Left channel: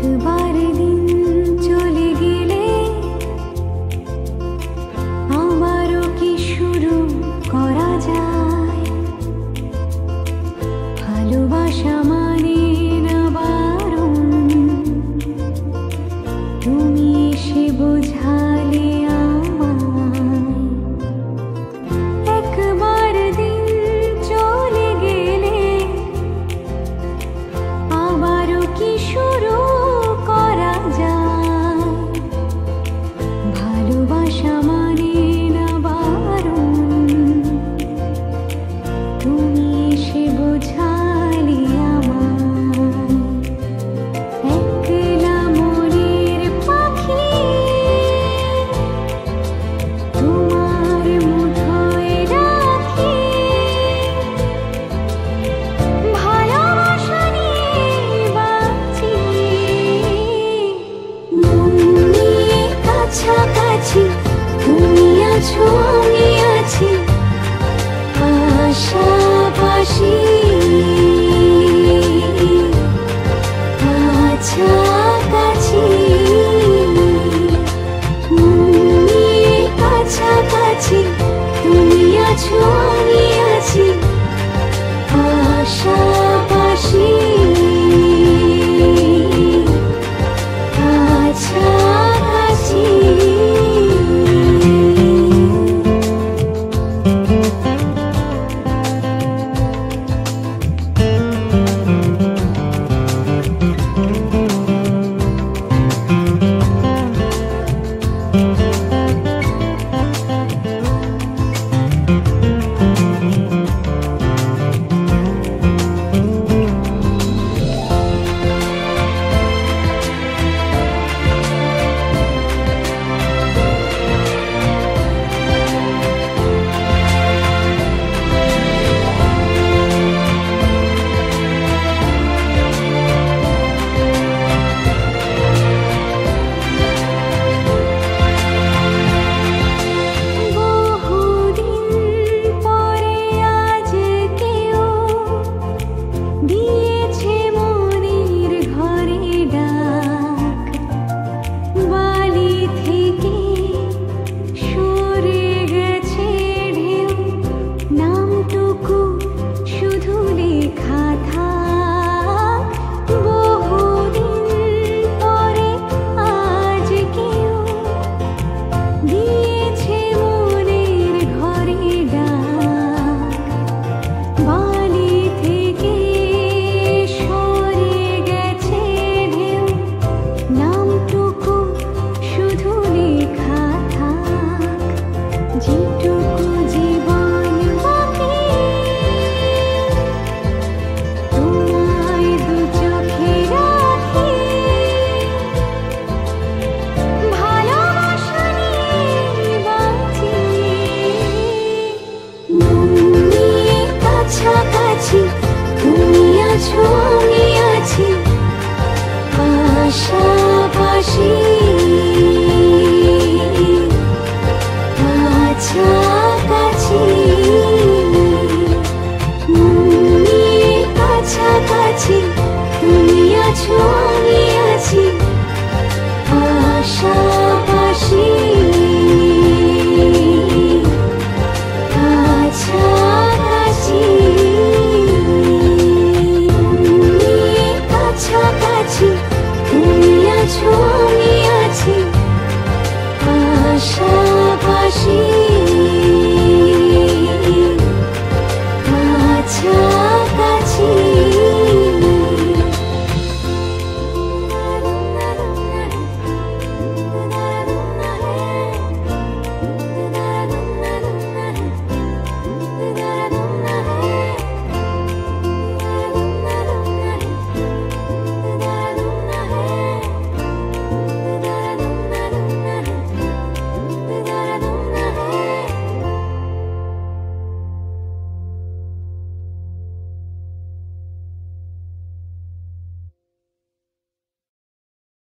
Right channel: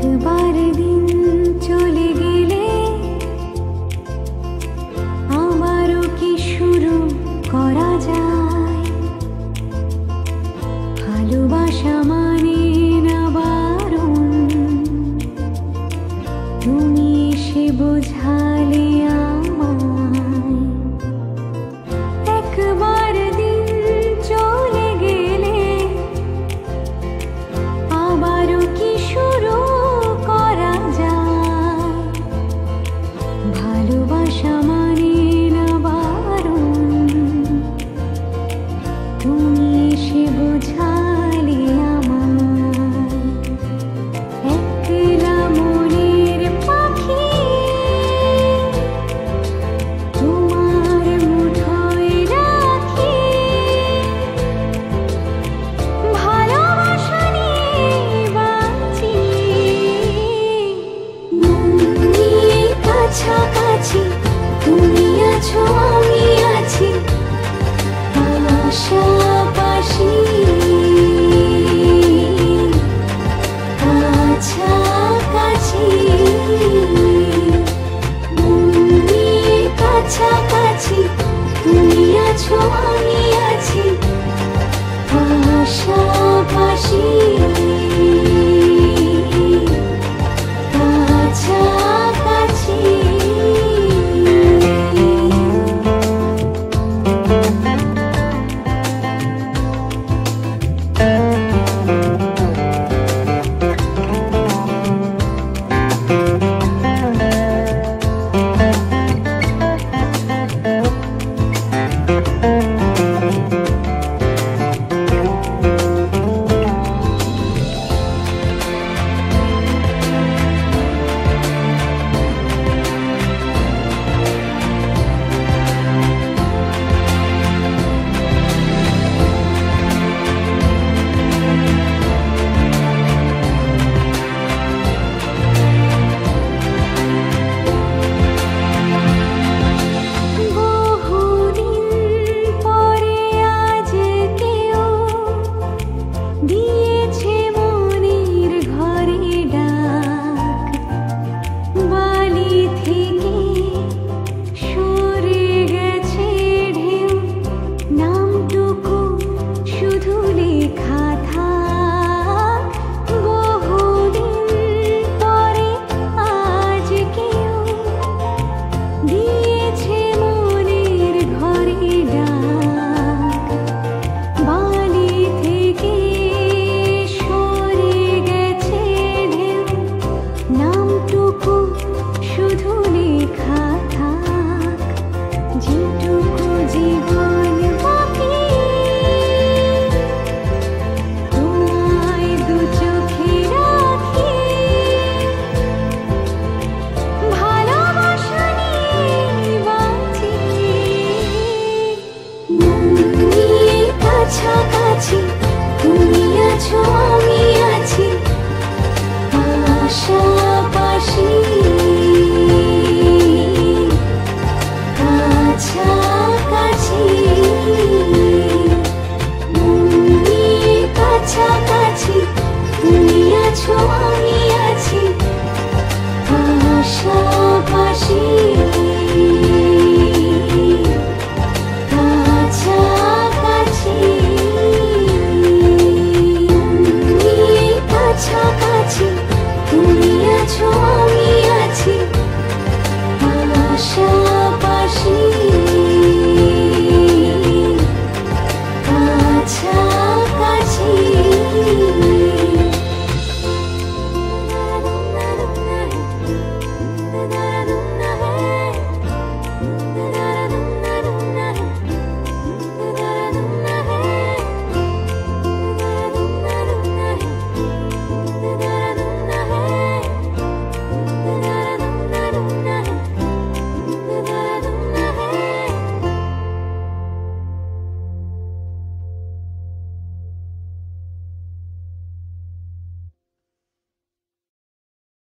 একবার দিন চলে গেলে আবারও কি শুরু করা যায়? ভালোবাসা মানে না বারণ, তুমি এসে বোঝালে আমায়। একবার দিন চলে গেলে আবারও কি শুরু করা যায়? ভালোবাসা মানে না বারণ, তুমি এসে বোঝালে আমায়। একলা মনের পাখি তোমার মুঠোয় রাখি, ভালোবাসা নিয়ে বাঁচি। মন নিয়ে কাছাকাছি তুমি আছো, আমি আছি পাশাপাশি, কাছাকাছি। মন নিয়ে কাছাকাছি তুমি আছো, আমি আছি পাশাপাশি, কাছাকাছি। দিয়েছে মনের ঘরে ডাক, বালি থেকে সরে গেছে ঢেউ, নামটুকু শুধু লেখা থাক। বহুদিন পরে আজ কেউ দিয়েছে মনের ঘরে ডাক, বালি থেকে নামটুকু শুধু লেখা থাক। যেটুকু জীবন বাকি তোমায় দু চোখে রাখি, ভালোবাসা নিয়ে বাঁচি। মন নিয়ে কাছাকাছি তুমি আছো, আমি আছি পাশাপাশি, কাছাকাছি। মন নিয়ে কাছাকাছি তুমি আছো, আমি আছি পাশাপাশি।